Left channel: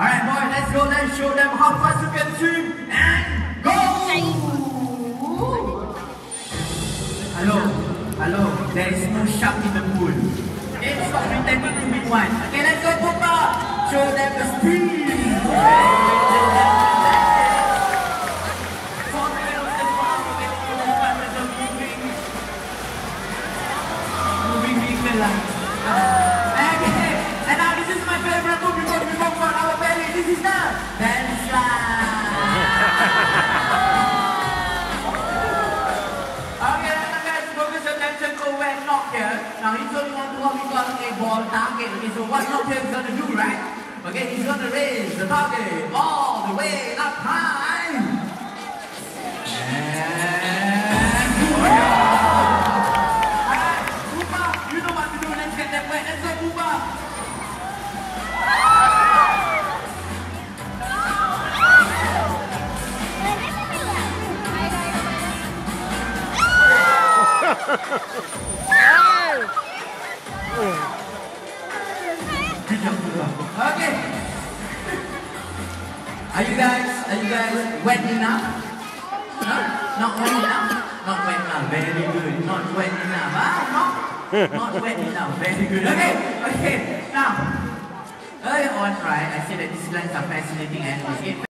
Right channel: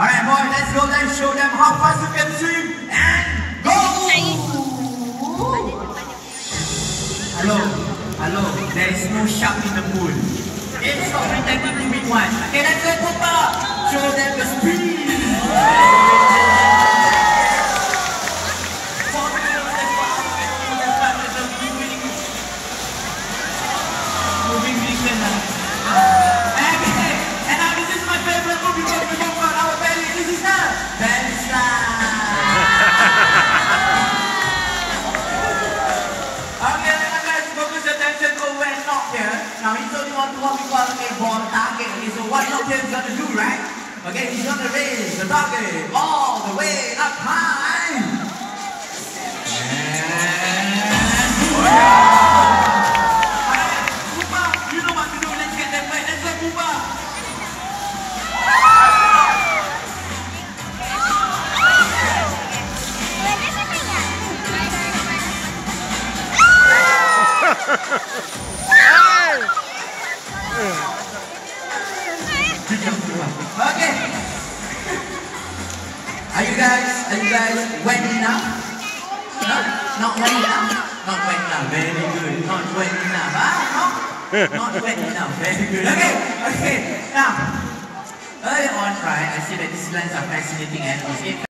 Alright, boys, let's go. Let's show them how fast you can swim and go. Hello. There is no shark in the pool. It's stop pretending to be one. Okay, let's go, Papa. Show them the speed. Now he's only want to what we call a ball target. Okay, so what Nokia is gonna do, right? Okay, he's gonna raise the target all the way up high. And alright, Pupa, you know what to do. Let's get them wet. Let's go, Pupa. Okay. Are you guys wet enough? Huh? Not wet enough? Not wet enough. Very good. Not wet enough. Huh? Not wet enough. Very good. Okay. Now, earlier on, right, I said that these lands are fascinating animals.